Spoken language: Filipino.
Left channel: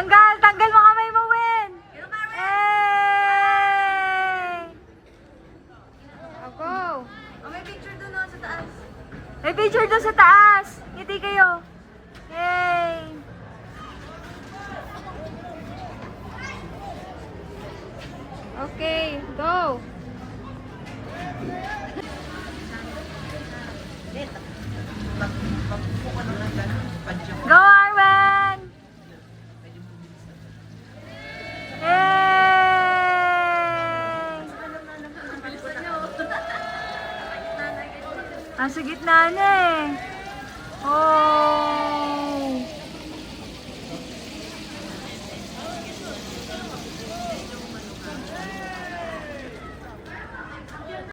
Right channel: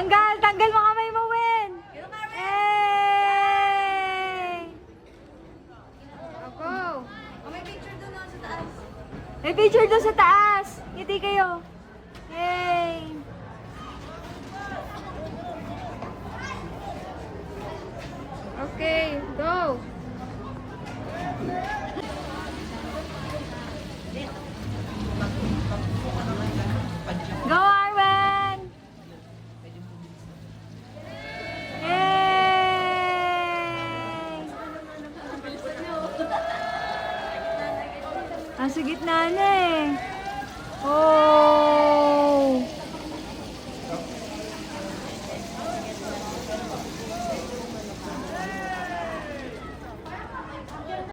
Tanggal! Tanggal mo kamay mo, Wen! Hey! Ako! May picture doon sa taas. May picture doon sa taas! Ngiti kayo! Yay! Okay, go! Go, Arwen! Yay! Nasa gitna na eh. Oh!